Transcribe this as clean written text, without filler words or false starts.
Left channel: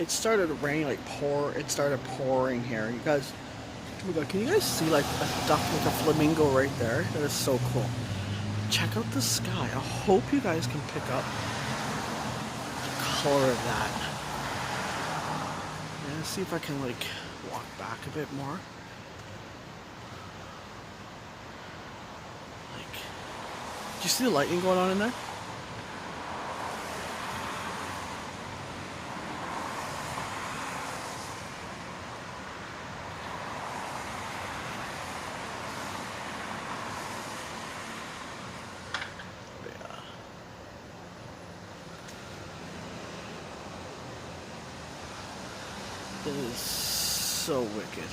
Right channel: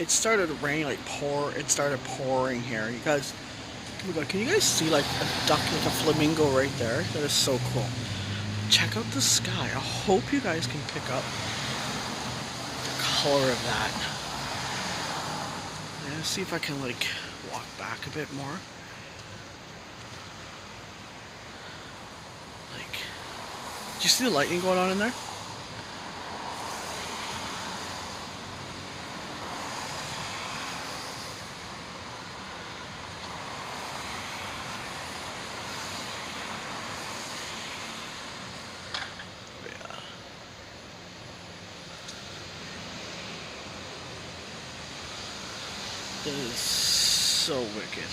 it started raining, it started pouring here. You guys, oh my god, can you guys see like a duck, like a flamingo right there? That is so cool. Check out the sky. I hope you guys can pick up the color of that. I'm gonna see if I can like walk back a bit more. Like, do you see the lightning going on in there? Yeah. That is so wicked.